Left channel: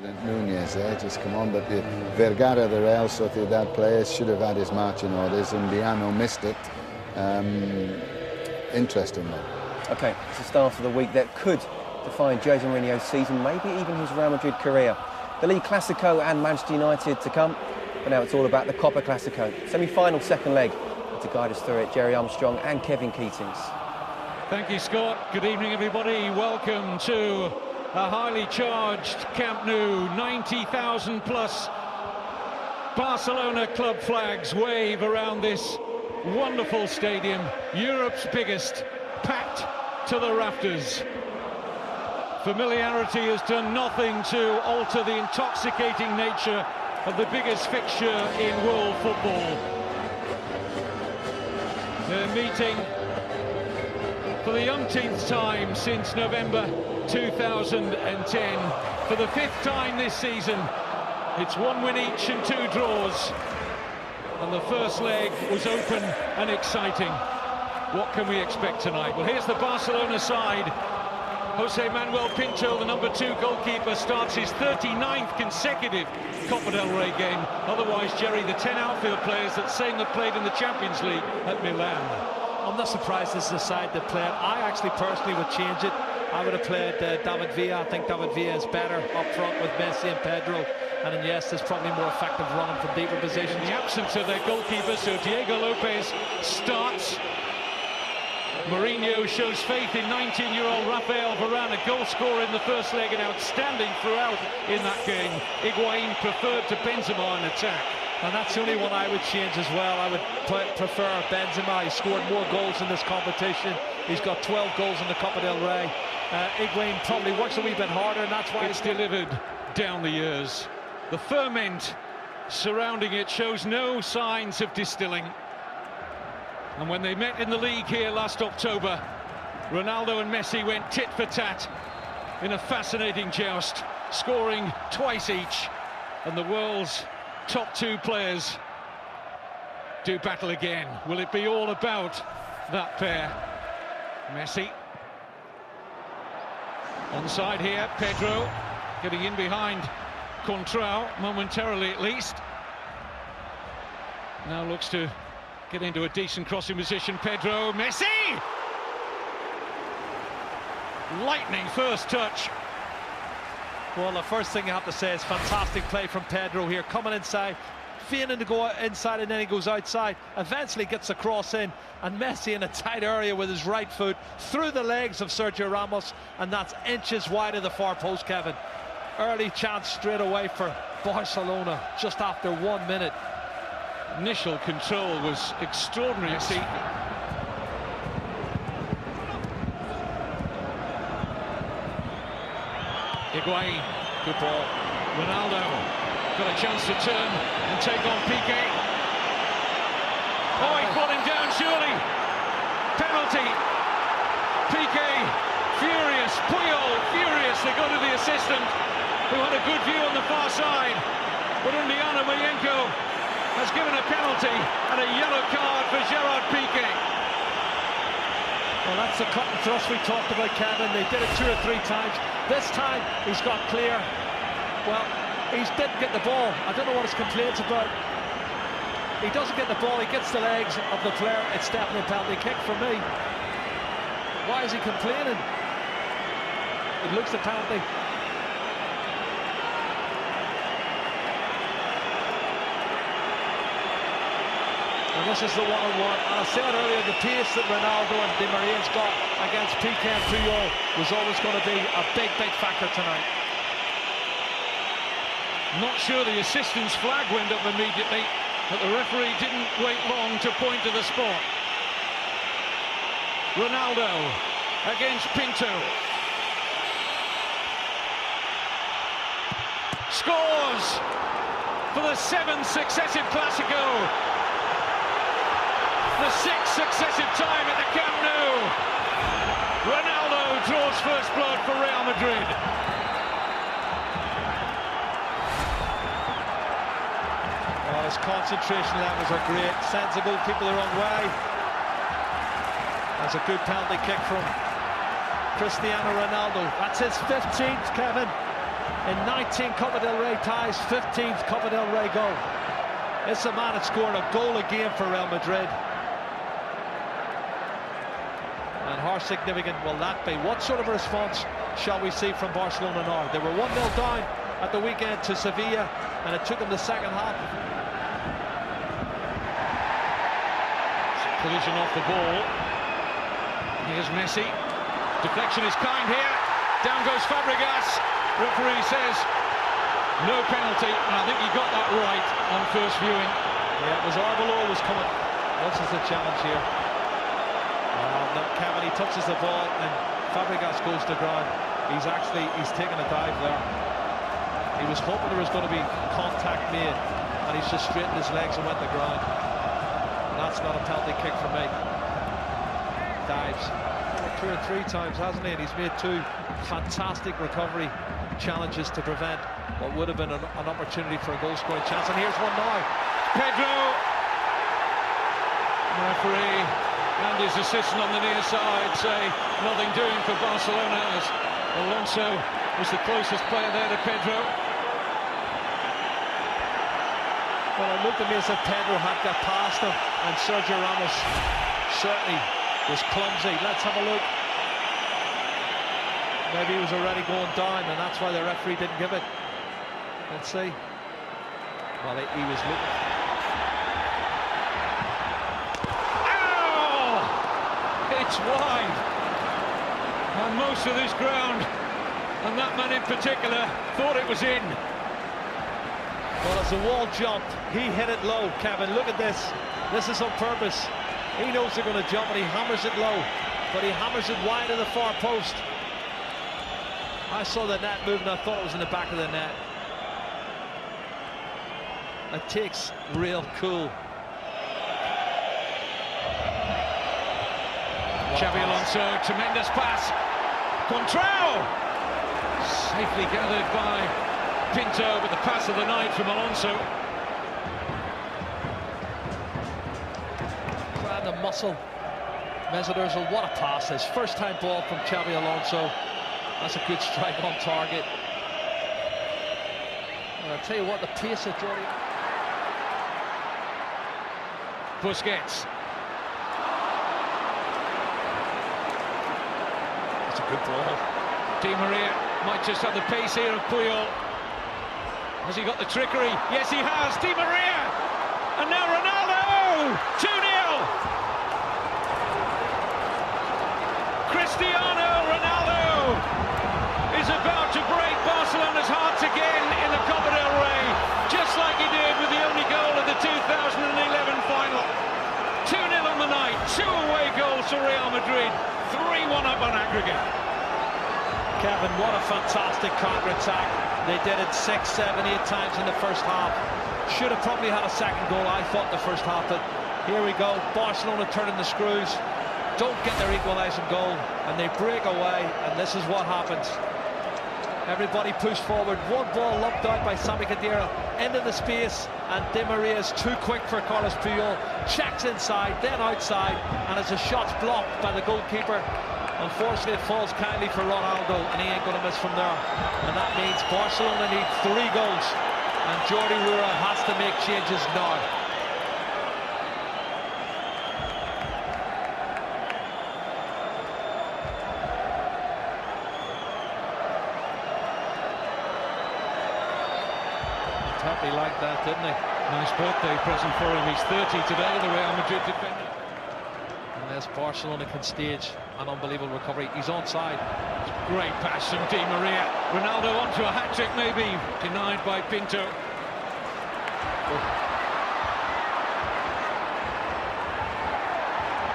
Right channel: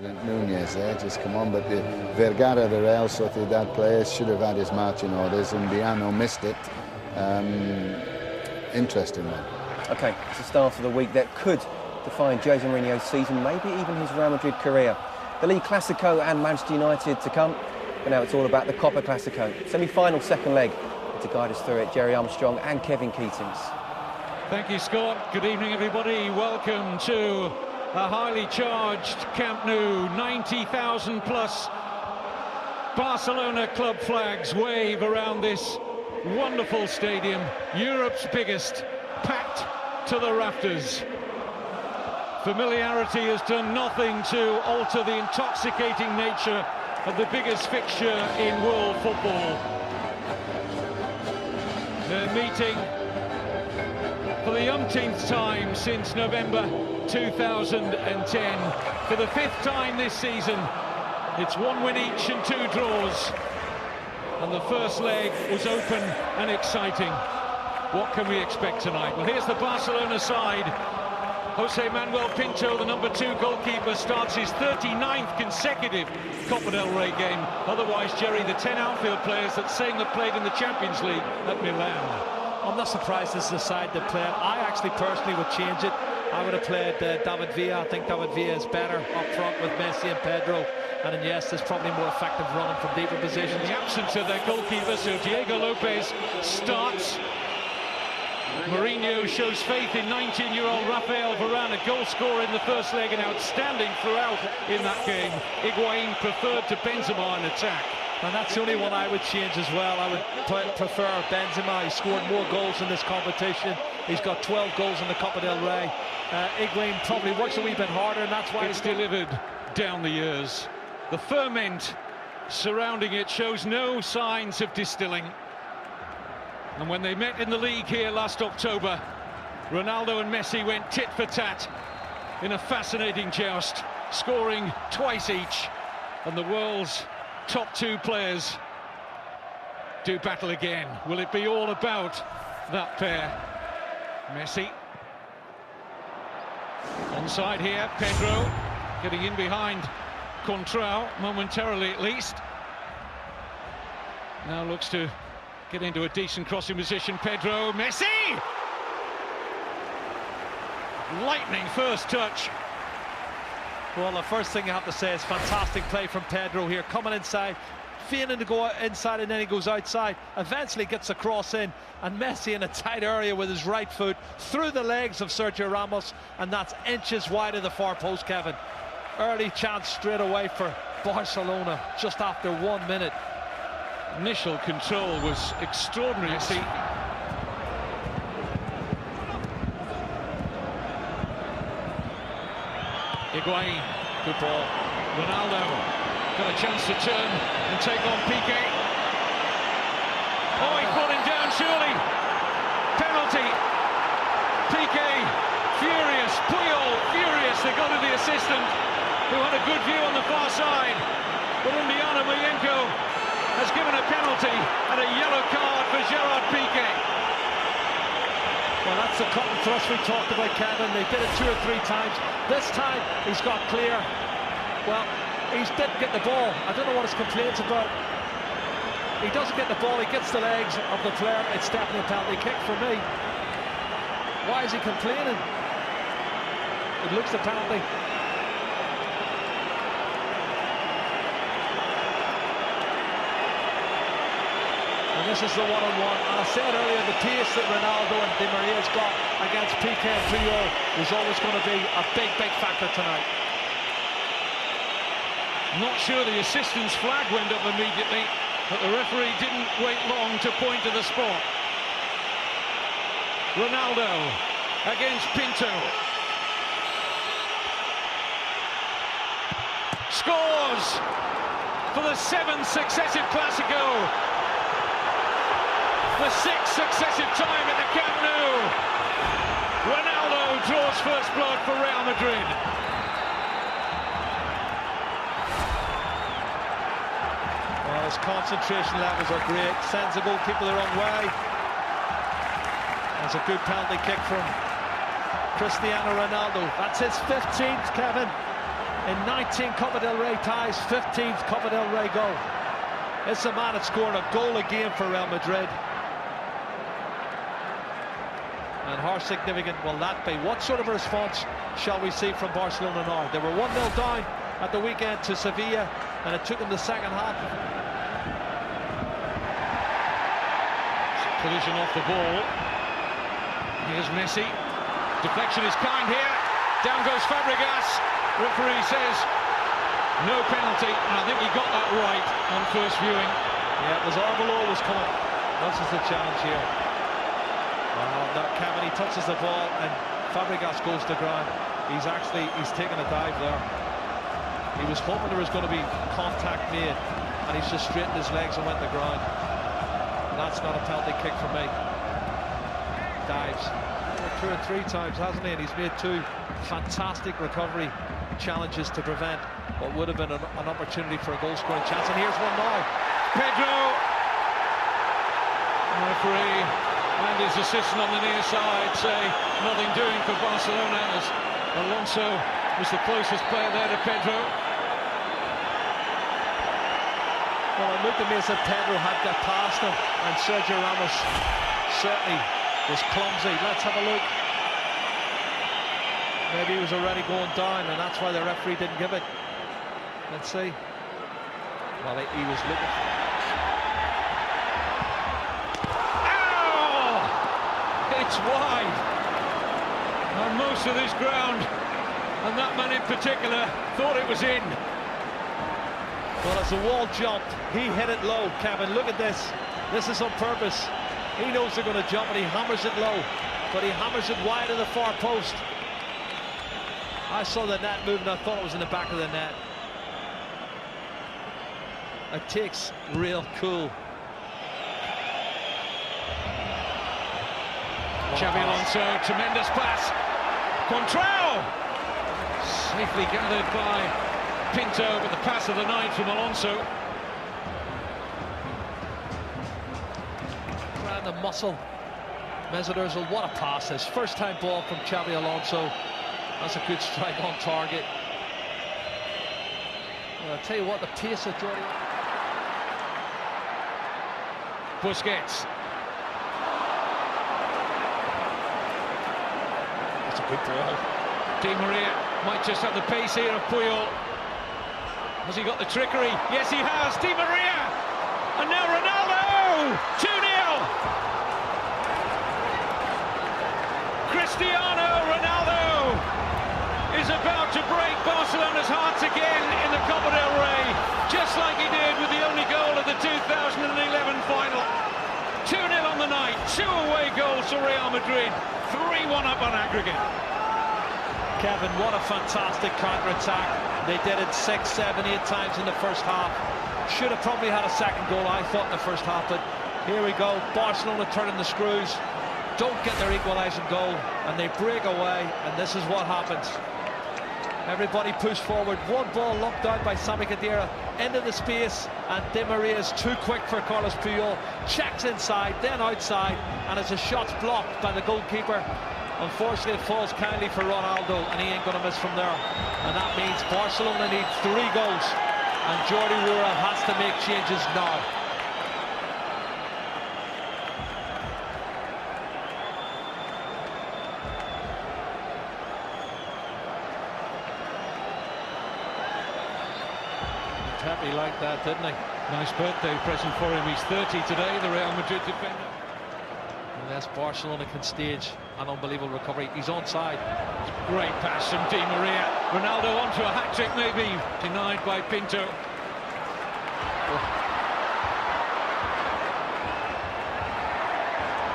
President Nunez there, just come on, but the Vergara, the Real Sociedad player, should have had his marching orders, and Diano missed it. Interesting one. OK, it's the start of the week that could define Jose Mourinho's season, maybe even his Real Madrid career. The League Clasico and Manchester United to come, but now it's all about the Copa Clasico. Semi-final second leg. To guide us through it, Jerry Armstrong and Kevin Keatings. Thank you, Scott. Good evening, everybody. Welcome to a highly charged Camp Nou. 90,000 plus Barcelona club flags wave around this wonderful stadium, Europe's biggest, packed to the rafters. Familiarity has done nothing to alter the intoxicating nature of the biggest fixture in world football. They're meeting for the umpteenth time since November 2010. For the fifth time this season, it's 1 win each and 2 draws. And the first leg was open and exciting. What can we expect tonight? Well, here's the Barcelona side. Jose Manuel Pinto, the number 2 goalkeeper, starts his 39th consecutive Copa del Rey game. Otherwise, Jerry, the 10 outfield players that same that played in the Champions League at Milan. I'm not surprised this is the side that played. I actually personally would change it. I would have played David Villa. I think David Villa is better up front with Messi and Pedro. And Iniesta is probably more effective running from deeper positions. In the absence of their goalkeeper, so Diego Lopez starts. Mourinho shows faith in 19-year-old Rafael Varane, a goal scorer in the first leg and outstanding throughout in that game. Higuain preferred to Benzema in attack. And that's the only one I would change as well. I would prefer Benzema. He scored more goals in this competition. He's got 12 goals in the Copa del Rey. Higuain probably works a wee bit harder, and that's why it's delivered down the years. The ferment surrounding it shows no signs of distilling. And when they met in the league here last October, Ronaldo and Messi went tit for tat in a fascinating joust, scoring twice each. And the world's top 2 players do battle again. Will it be all about that pair? Messi. Onside here, Pedro getting in behind Contrao, momentarily at least. Now looks to get into a decent crossing position. Pedro, Messi! Lightning first touch. Well, the first thing you have to say is fantastic play from Pedro here, coming inside, feigning to go inside, and then he goes outside, eventually gets a cross in, and Messi in a tight area with his right foot through the legs of Sergio Ramos, and that's inches wide of the far post, Kevin. Early chance straight away for Barcelona just after 1 minute. Initial control was extraordinary. Messi. Higuain, good ball. Ronaldo got a chance to turn and take on Piqué. Oh, he brought him down, surely. Penalty. Piqué, furious. Puyol, furious. They go to the assistant, who had a good view on the far side. But Undiano Mayenko has given a penalty and a yellow card for Gerard Piqué. Well, that's the cut and thrust we talked about, Kevin. They did it 2 or 3 times. This time he's got clear. Well, he didn't get the ball. I don't know what his complaints about. He doesn't get the ball, he gets the legs of the player. It's definitely a penalty kick for me. Why is he complaining? It looks a penalty. And this is the one-on-one. And I said earlier, the pace that Ronaldo and Di Maria's got against Piqué and Puyol was always going to be a big, big factor tonight. Not sure the assistant's flag went up immediately, but the referee didn't wait long to point to the spot. Ronaldo against Pinto. Scores for the 7th successive Clasico. The 6th successive time at the Camp Nou. Ronaldo draws first blood for Real Madrid. Well, his concentration levels are great. Sends the goalkeeper the wrong way. That's a good penalty kick from Cristiano Ronaldo. That's his 15th, Kevin. in 19 Copa del Rey ties, 15th Copa del Rey goal. It's a man that scored a goal a game for Real Madrid. And how significant will that be? What sort of a response shall we see from Barcelona now? They were 1-0 down at the weekend to Sevilla, and it took them the second half. Collision off the ball. Here's Messi. Deflection is kind here. Down goes Fabregas. Referee says no penalty, and I think he got that right on first viewing. Yeah, it was Arbeloa was coming. This is the challenge here. Well, Kevin, he touches the ball and Fabregas goes to ground. He's taken a dive there. He was hoping there was going to be contact made, and he's just straightened his legs and went to ground. And that's not a penalty kick for me. Dives 2 or 3 times, hasn't he? And he's made 2 fantastic recovery challenges to prevent what would have been an opportunity for a goal-scoring chance. And here's one now. Pedro. Referee and his assistant on the near side say nothing doing for Barcelona, as Alonso was the closest player there to Pedro. Well, it looked to me as if Pedro had got past him, and Sergio Ramos certainly was clumsy. Let's have a look. Maybe he was already going down, and that's why the referee didn't give it. Let's see. Well, he was looking. It's wide, and most of this ground, and that man in particular, thought it was in. Well, as the wall jumped, he hit it low. Kevin, look at this. This is on purpose. He knows they're going to jump, and he hammers it low, but he hammers it wide of the far post. I saw the net moving. I thought it was in the back of the net. It takes real cool. Xabi Alonso, tremendous pass. Contrao! Safely gathered by Pinto, but the pass of the night from Alonso. Grand the muscle. Mesut Ozil, what a pass. His first time ball from Xabi Alonso. That's a good strike on target. Well, I'll tell you what, the pace of Jordi. Busquets. That's a good ball. Di Maria might just have the pace here of Puyol. Has he got the trickery? Yes, he has. Di Maria! And now Ronaldo! 2-0! Cristiano Ronaldo is about to break Barcelona's hearts again in the Copa del Rey, just like he did with the only goal of the 2011 final. 2-0 on the night, 2 away goals for Real Madrid, 3-1 up on aggregate. Kevin, what a fantastic counter-attack. They did it 6, 7, 8 times in the first half. Should have probably had a second goal, I thought, in the first half, but here we go. Barcelona turning the screws, don't get their equalising goal, and they break away, and this is what happens. Everybody pushed forward, one ball lumped out by Sami Khedira into the space, and Di Maria is too quick for Carlos Puyol. Checks inside, then outside, and as the shot's blocked by the goalkeeper, unfortunately it falls kindly for Ronaldo, and he ain't going to miss from there. And that means Barcelona need 3 goals, and Jordi Rura has to make changes now. Pepe liked that, didn't he? Nice birthday present for him. He's 30 today, the Real Madrid defender. Unless Barcelona can stage an unbelievable recovery. He's onside. Great pass from Di Maria. Ronaldo onto a hat-trick maybe. Denied by Pinto. Oh.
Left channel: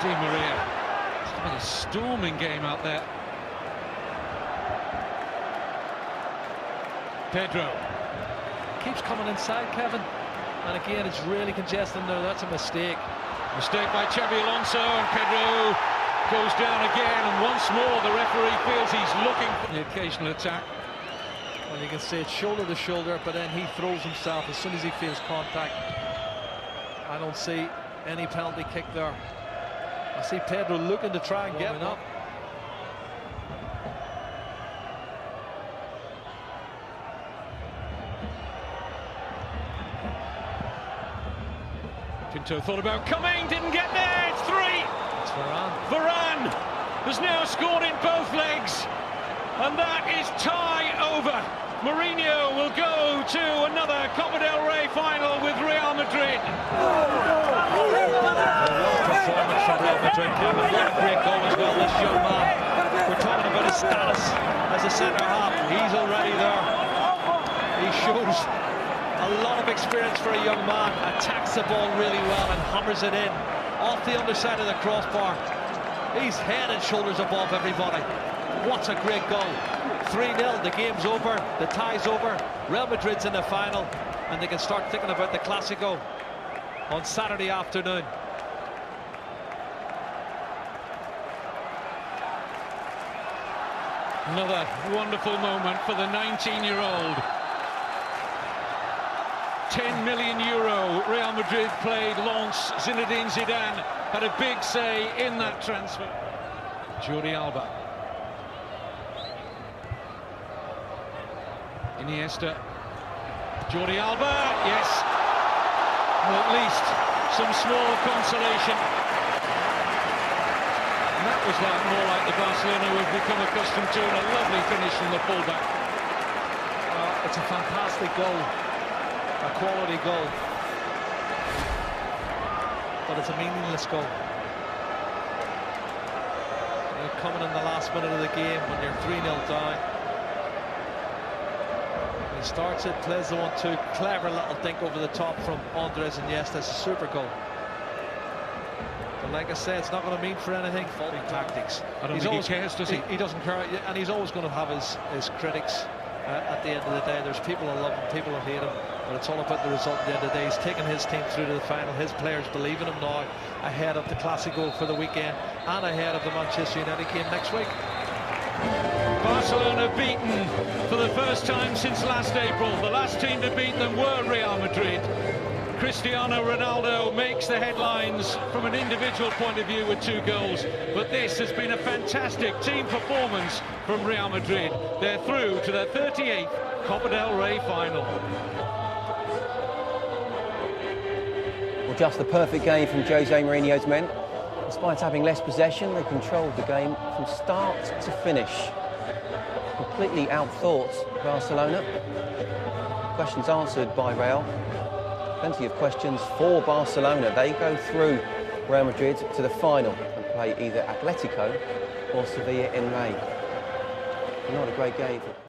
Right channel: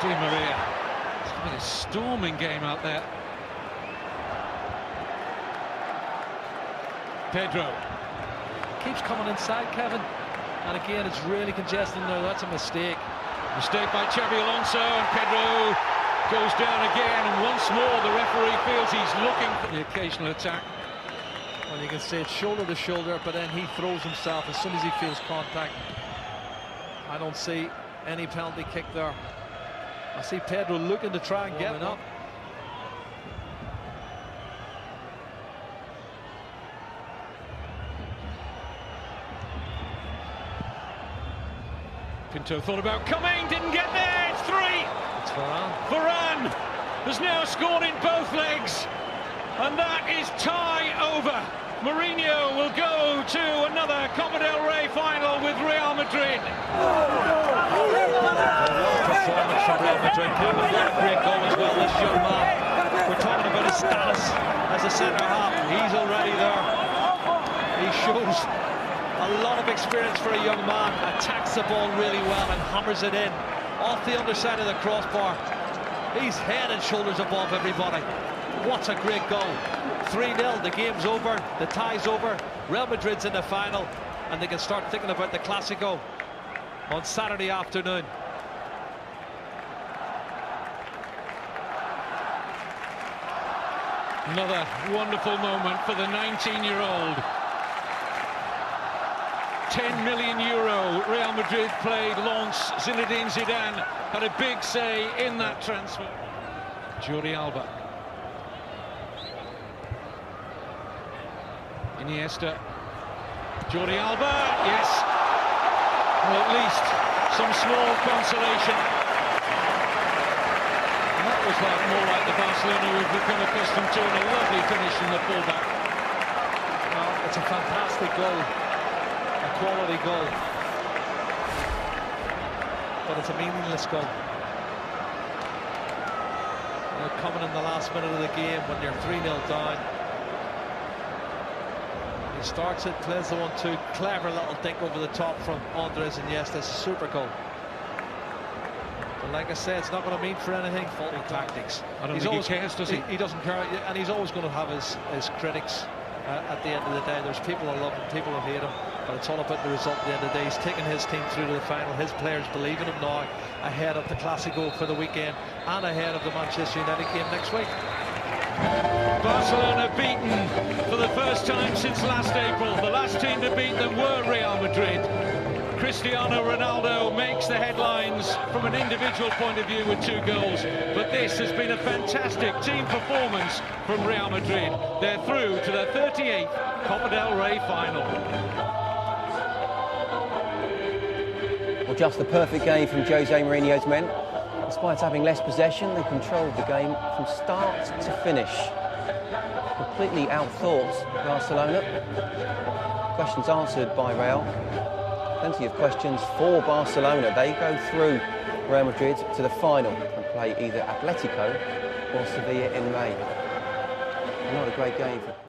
Di Maria. It's having a storming game out there. Pedro. Keeps coming inside, Kevin, and again it's really congested there. That's a mistake. Mistake by Xabi Alonso, and Pedro goes down again, and once more the referee feels he's looking for the occasional attack. Well, you can see it's shoulder to shoulder, but then he throws himself as soon as he feels contact. I don't see any penalty kick there. I see Pedro looking to try and get one up. Pinto thought about coming, didn't get there, it's 3! It's Varane. Varane has now scored in both legs, and that is tie over. Mourinho will go to another Copa del Rey final with Real Madrid. Performance from Real Madrid. What a great goal as well, this young man. We're talking about his status as a centre-half. He's already there. He shows a lot of experience for a young man. Attacks the ball really well and hammers it in off the underside of the crossbar. He's head and shoulders above everybody. What a great goal. 3-0, the game's over, the tie's over. Real Madrid's in the final, and they can start thinking about the Clásico on Saturday afternoon. Another wonderful moment for the 19-year-old. 10 million euro Real Madrid played Lens. Zinedine Zidane had a big say in that transfer. Jordi Alba. Iniesta. Jordi Alba, yes. Well, at least some small consolation. And that was more like the Barcelona we've become accustomed to, and a lovely finish from the fullback. Well, it's a fantastic goal. A quality goal. But it's a meaningless goal. You know, coming in the last minute of the game when you're 3-0 down. He starts it, plays the 1-2, clever little dink over the top from Andres Iniesta. It's a super goal. But like I said, it's not going to mean for anything. Faulty tactics. I don't think he cares, does he? He doesn't care, and he's always going to have his critics at the end of the day. There's people who love him, people who hate him, but it's all about the result at the end of the day. He's taken his team through to the final. His players believe in him now, ahead of the Clásico for the weekend and ahead of the Manchester United game next week. Barcelona beaten for the first time since last April. The last team to beat them were Real Madrid. Cristiano Ronaldo makes the headlines from an individual point of view with 2 goals, but this has been a fantastic team performance from Real Madrid. They're through to their 38th Copa del Rey final. Well, just the perfect game from Jose Mourinho's men. Despite having less possession, they controlled the game from start to finish. Completely outthought Barcelona. Questions answered by Real. Plenty of questions for Barcelona. They go through Real Madrid to the final and play either Atletico or Sevilla in May. Not a great game for